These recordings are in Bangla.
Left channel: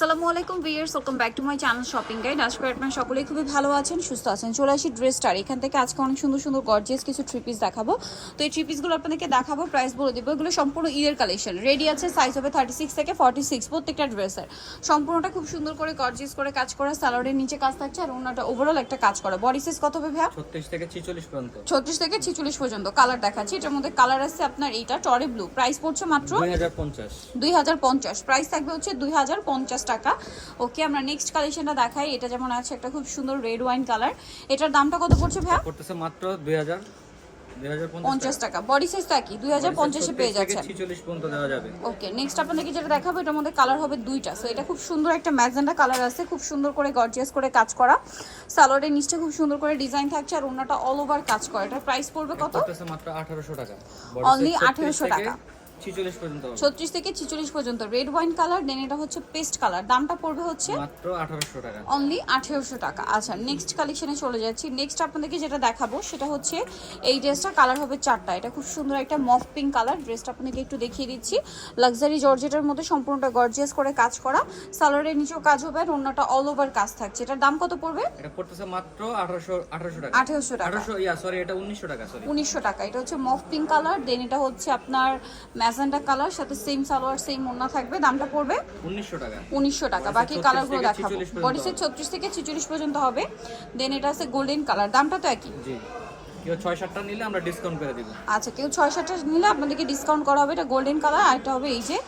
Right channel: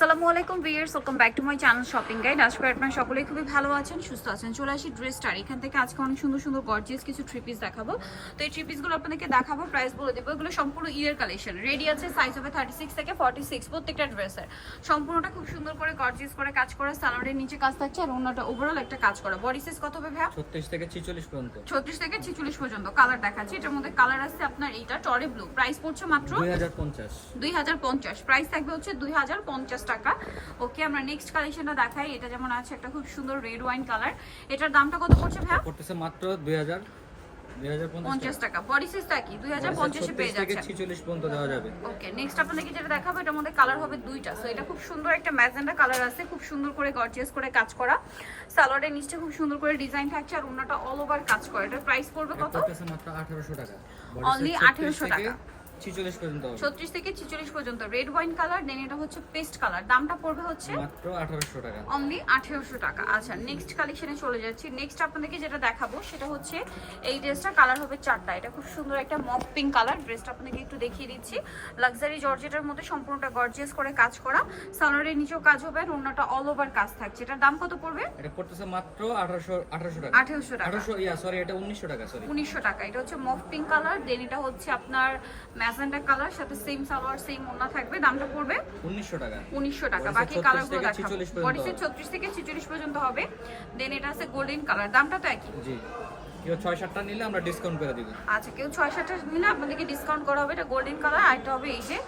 আসসালামু আলাইকুম viewers, welcome back to my channel shopping guide. আশা করি আপনারা সকলেই খুবই ভালো আছেন, সুস্থ আছেন। চলে আসি ড্রেস স্টার। এখান থেকে আজকে অনেক সুন্দর সুন্দর গর্জিয়াস কিছু থ্রি পিস দেখাবো। তো এই থ্রি পিসগুলো আপনাদেরকে দেখাবো, প্রাইস বলে দেবো। এগুলো সম্পূর্ণ ঈদের কালেকশন, রেডি আছে। সাইজ হবে 36 থেকে 46 প্রত্যেকটা ড্রেসের। সম্পূর্ণটা খুব সুন্দর করে গর্জিয়াস করে কাজ করা, সালোয়ারের নিচে কাজ থাকছে আর ওনাটা ওভারঅল একটা কাজ করা। বডি সাইজ কত হবে ভাইয়া? 36 থেকে 46 পর্যন্ত। 36 থেকে 46 পর্যন্ত। কালার দেখাচ্ছি, এটার মধ্যে কালার আছে আপনার এইটা টরে ব্লু। প্রাইস পড়ছে মাত্র 2050। প্রাইস থাকবে হচ্ছে 2050 টাকা। ওকে, আমরা নেক্সট কালেকশনটা দেখাই। এটা যেমন আছে একটা খুব সুন্দর রেড ওয়াইন কালার। এটার দামটা কত পড়ছে ভাইয়া? পড়তেছে মাত্র 2050 টাকা। বডি সাইজ কি 2050 এ পেয়ে যাচ্ছেন। 46 পর্যন্ত দেওয়া যাবে। ওকে, নেক্সট আপনাদেরকে যেটা দেখাবো এটার মধ্যে কালার হবে দুইটা। সো এটা খুব সুন্দর একটা ম্যাজেন্ডা কালার আছে, খুব সুন্দর করে গর্জিয়াস করে কাজ করা। সালোয়ারের নিচে খুব সুন্দর করে ডিজাইন থাকছে আর ওনাটা অল ওভার কাজ করা। এটার প্রাইস পড়বে কত? পড়তেছে মাত্র 1800 টাকা। অনলি 1800 টাকা। 46 পর্যন্ত হবে। 36 থেকে 46 পর্যন্ত। রেড ওয়াইন কালার, দেন এটা হচ্ছে পেস্ট কালার। দামটা পড়বে হচ্ছে মাত্র 1800 টাকা। অনলি 1800 টাকা। আচ্ছা, নেক্সট কালেকশনে চলে যাচ্ছি। নেক্সট আপনাদেরকে যেটা দেখাবো সেটা হচ্ছে এই ড্রেসটা। কালার হবে চারটা। এটা খুব সুন্দর একটা মফ পিঙ্ক কালার। ড্রেসটা আপনাদেরকে একটু দেখিয়ে দিচ্ছি। লাক্সারি জর্জেটের মধ্যে সম্পূর্ণটা গর্জিয়াস করে কাজ করা। সালোয়ারের নিচেও কাজ হবে আর ওন্নাটা অল ওভার কাজ থাকছে। এটার দাম কত পড়বে? এটা পড়তেছে মাত্র 1800 টাকা। 1800 টাকা। 1800 সরি, এটা 1900 টাকা। সরি, 1900 টাকা। এটা হচ্ছে মফ পিঙ্ক কালার, দেন এটা হচ্ছে আপনার ম্যাজেন্ডা কালার, সাথে সেম সালোয়ার সেম ওন্না থাকবে। দামটা পড়বে 1900 টাকা। 1900 টাকা। বাকি কালারগুলো দেখাবো। 46 পর্যন্ত। বডিসে 36 থেকে 46 পর্যন্ত হবে। দেন এটা আছে গোল্ডেন কালার। দামটা তো একই। জি, কেউ 6-7টা নিলে আমরা ডিসকাউন্ট করে দিব। আচ্ছা, কেউ 6-7টা নিলে আপনাদেরকে ডিসকাউন্ট করা হবে। এটা গোল্ডেন কালার আর এটা হবে এই যে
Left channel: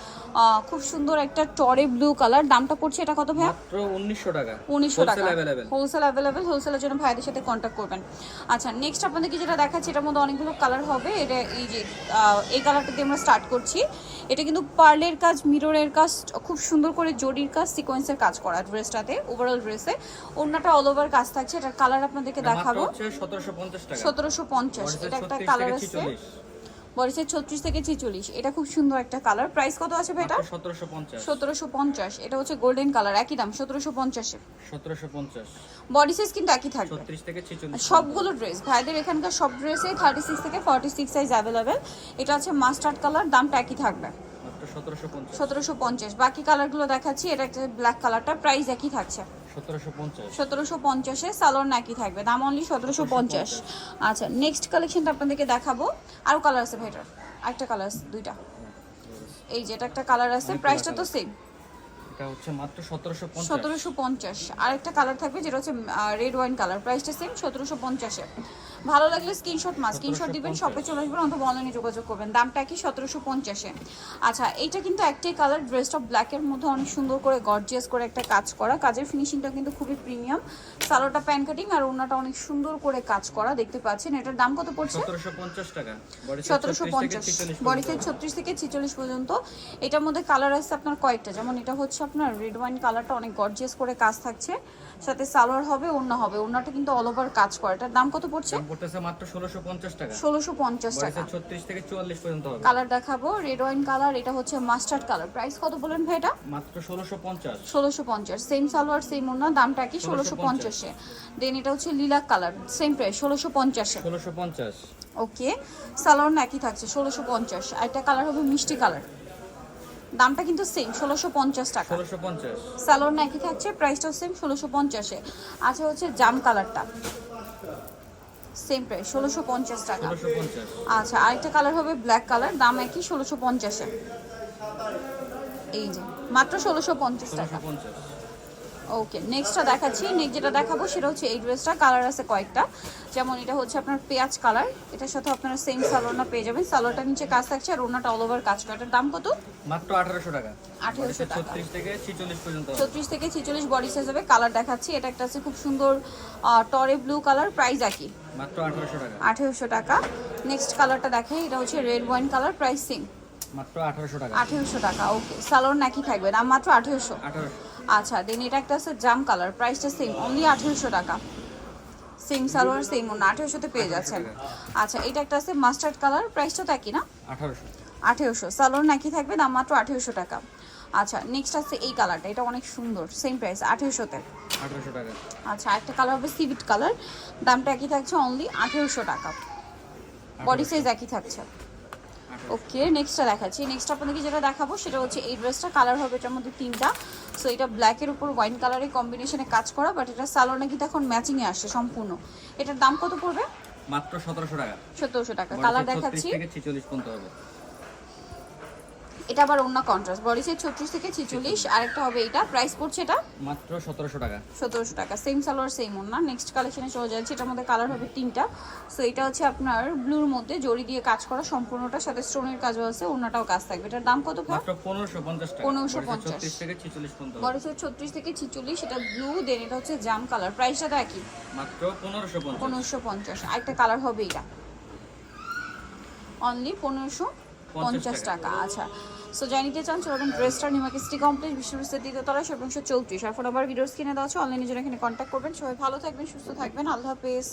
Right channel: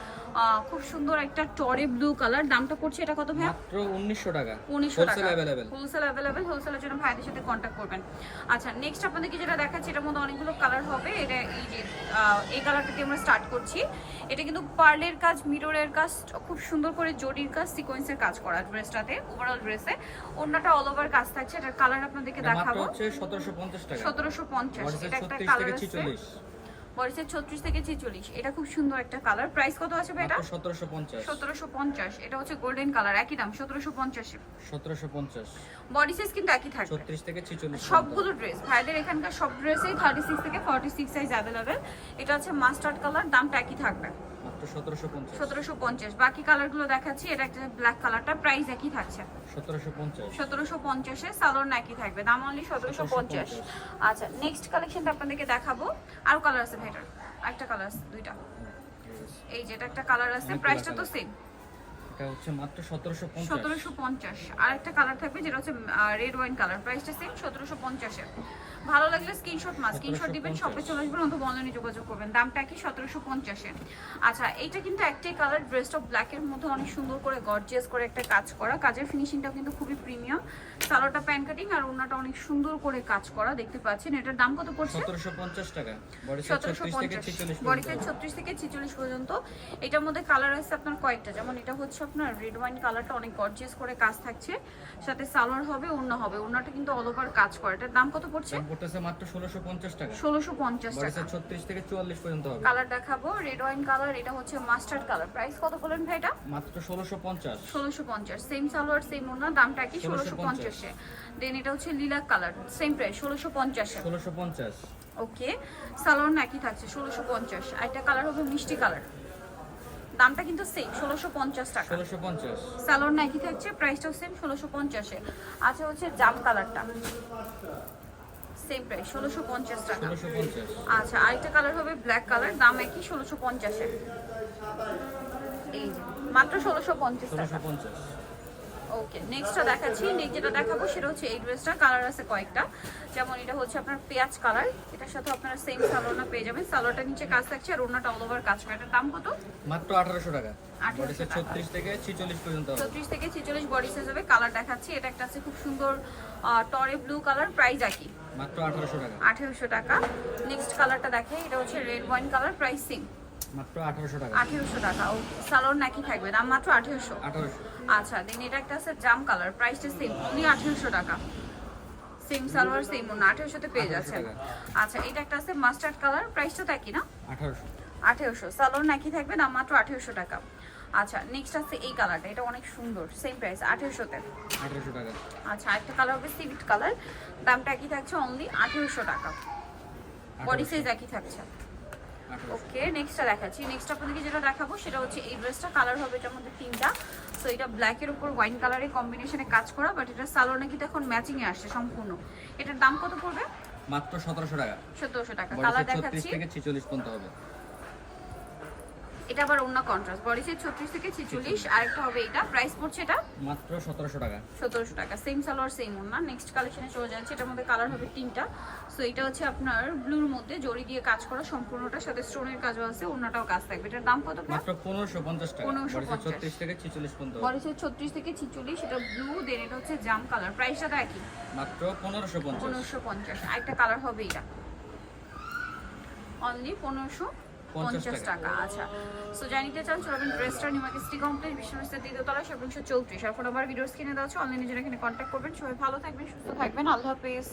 খুব সুন্দর একটা টরে ব্লু কালার। দামটা পড়ছে এটা কত ভাই? মাত্র 1900 টাকা। 1900 টাকা। Wholesale available. Wholesale available. হোলসেলের জন্য ভাইদের সাথে কন্টাক্ট করবেন। আচ্ছা, নেক্সট আপনাদেরকে যেটা দেখাচ্ছি এটার মধ্যে অনেকগুলো কালার হবে। এটা এই যে এই কালারটা দিয়ে আমরা স্টার্ট করছি। এটা কিন্তু পার্লের কাজ, মিররের কাজ, খুব সুন্দর করে জরির কাজ, সিকোয়েন্সের কাজ করা ড্রেসটাতে। ওভারঅল ড্রেসে ওন্নাটা অল ওভার কাজ থাকছে। এটার কালার আপনাদেরকে দেখাবো। মাত্র হচ্ছে 1750 টাকা। 1750। এটা একটা 36 কালার থেকে আছে। 46। বডিসে 36 থেকে 46। এটা খুব সুন্দর একটা কালার। প্রাইস কত আছে ভাই এটা? 1750। 1750। এটা হচ্ছে গোল্ডেন কালার, একই দাম 1750 এ। 1750। বডি সাইজ কিন্তু একই থাকবে 36 থেকে 46। সবগুলো ড্রেস। ভাইদের এখানকার সব ড্রেসেই 36 থেকে 46 সাইজ अवेलेबल। এটা হচ্ছে মাস্টার্ড কালার, দামটা একই থাকবে মাত্র 1750। 1750। বাকি কালারগুলো দেখাচ্ছি। এটা একটা ব্ল্যাক কালারটা, প্রাইস একই থাকছে 1750। 1750 এ। সালোয়ার একই থাকবে, দাম অনলি 1750। আচ্ছা, নেক্সট কালেকশনটা আপনাদেরকে দেখাবো। আর কালার আছে ভাইটার, একটা কালার আছে, দুইটা। এই যে এটা একটা কালার আছে, প্রাইসটা তো সেম। এটা হচ্ছে মাত্র 1750। 1750। আর একটা কালার থাকবে যেটা হচ্ছে রেড ওয়াইন কালার, প্রাইসটা সেম 1750 এ। ভালো লাগলে স্ক্রিনশট স্ক্রিনশট দিবেন, শপে চলে আসবেন অথবা অনলাইনে যোগাযোগ করবেন। দামটা কি 1750 এ। আচ্ছা, এইটা কিন্তু একটাই কালার। ড্রেসটা ব্ল্যাকের মধ্যে অনেক সুন্দর করে গর্জিয়াস করে একটা কাজ করা। কাজের ফিনিশিংটা কিন্তু খুবই প্রিমিয়াম। সালোয়ারটা প্যান কাটিং আর ওন্নাটা অনেক সুন্দর করে কাজ করা, দেখতে পাচ্ছেন। এটার দাম কত পড়ছে? 1750 টাকা। বডি 36 থেকে 46 বডিতে পর্যন্ত। 36 থেকে 46 পর্যন্ত। এটার মধ্যে কালার আছে আপনার কয়েকটা, যেমন এটা হচ্ছে আপনার রেড ওয়াইন কালারটা, অনেক গর্জিয়াস করে কাজ থাকছে, সাথে সালোয়ার হবে, ওন্না হবে। ওন্নাটা কিন্তু অল ওভার কাজ করা। এটার দাম কত পড়ছে? দাম পড়তেছে মাত্র 1650 টাকা। 1650 বডি টাকা। 36 থেকে 44 পর্যন্ত হবে। কালার দেখাবো, রেড ওয়াইন কালার, এটা হচ্ছে মাস্টার্ড কালার। প্রাইস কত বলেন ভাই এটা? মাত্র 1650। 1650। সেম সালোয়ার সেম ওন্না, দামটা কি 1650 এ। দেন এটা হচ্ছে লিলাক কালার, সেম প্রাইস 1650 এ। 1650। ওকে, সালোয়ার একই থাকছে 1650। আর একটা কালার হবে মিষ্টি কালার, দামটা কিন্তু সেম 1650 টাকা। 1650। সালোয়ার একই থাকছে, প্রাইসটাও সেম 1650 এ। আচ্ছা, হচ্ছে জাম কালারটা, সেম প্রাইস 1650 টাকা। 1650। আচ্ছা, আরেকটা কালার হবে ব্ল্যাক কালার, দাম একই 1650 এ। এই যে মাত্র 1650 টাকা। 1650। ওকে, নেক্সটটা দেখাচ্ছি। নেক্সট যেটা দেখাবো সেটা হচ্ছে এই ড্রেসটা। কালার আছে কয়েকটা, যেমন এটা হচ্ছে আপনার পেঁয়াজ কালার। এটার সাথে আপনারা সেম সালোয়ারটা পেয়ে যাবেন। সালোয়ারটা নিচে কাজ থাকছে আর ওন্নাটা অল ওভার কাজ করা। এটার দাম কত? মাত্র 1800 টাকা। 1800 টাকা। 36 থেকে 46 পর্যন্ত হবে। 36 থেকে 46 বডি সাইজ হবে। কালার দেখাচ্ছি। এটা একটা আছে খুব সুন্দর টরে ব্লু কালার, প্রাইস একই মাত্র 1800 টাকা। 1800 টাকা। নেক্সট কালারটা দেখে, এটা হচ্ছে red wine colour, price same মাত্র 1800 টাকা। 1800 টাকা। ওকে, সালোয়ার একই থাকবে, দাম মাত্র 1800। 1800। আচ্ছা, দেন এটা একটা আছে জাম কালার, প্রাইসটা সেম অনলি 1800 টাকা। সেম সালোয়ার সেম ওন্না, 1800 তে পেয়ে যাচ্ছেন। আচ্ছা, এটা একটা আছে মাস্টার্ড কালার, প্রাইসটা তো একই না? 1800। 1800। সালোয়ার একই থাকবে, দাম মাত্র 1800 টাকা। আচ্ছা, নেক্সট আছে এই কালারটা, এটা অনেক সুন্দর, সেম প্রাইস 1800 তে। 1800 টাকা। আচ্ছা, একটা কালার হবে সিভিট কালার, দামটা একই থাকছে অনলি 1800 টাকা। বডি সাইজ একই থাকছে। ওকে, নেক্সটটা দেখাচ্ছি। নেক্সট আপনাদেরকে যেটা দেখাবো সেটা হচ্ছে এই ড্রেসটা, কালার হবে এটার মধ্যে 3টা। সো এটা ব্ল্যাকের উপর ওয়াইন কালারের কম্বিনেশনে কাজ করা, বাট এটা সালোয়ার নাকি এখন ম্যাচিংয়ে আসছে সম্পূর্ণ। এটার দাম কত পড়বে? মাত্র 1700 টাকা। 1700 টাকা। বডি কালার সাইজ 36 দেখাচ্ছি, থেকে 46 পর্যন্ত হবে। এটা আবার অন্য কন্ট্রাস্ট, বডি সাইজ 36 থেকে 46। আরেকটা হবে এটা, প্রাইস পড়ছে এটা মাত্র 1700 টাকা। 1700 টাকা। সেম সালোয়ার সেম ওড়না। নেক্সট কালেকশনে চলে যাচ্ছে, এটার মধ্যে কালার হবে 3টা। সো এটা হচ্ছে আপনার ব্লুর মধ্যে জড়ি দিয়ে কাজ করা সম্পূর্ণটার সাথে স্টোনের কাজও আছে, ওড়নাটাও কাজ থাকবে। এটার দাম কত? মাত্র 1550 টাকা। 1550 বডি সাইজ 36 থেকে 46 পর্যন্ত হবে। বডি সাইজ 36 থেকে 46। এটা ব্লু, দেন এটা হচ্ছে জাম কালার। প্রাইসটা তো একই, মাত্র 1550। 1550। আরেকটা কালার হবে এটা, অনলি 1550 টাকা। আচ্ছা, সো জানিতে চান চলবেন ড্রেসটা নিউমার্কেট সিটি কমপ্লেক্স, বিশ্ববিদ্যালয় দ্বিতীয়তলা, 734। আর ফোন নাম্বার ভিডিওস কিনে দেওয়া আছে, অনলাইনে জন্য এখানে কন্ট্যাক্ট করবেন। সবাই ভালো থাকবেন, সুস্থ থাকবেন, আল্লাহ হাফেজ।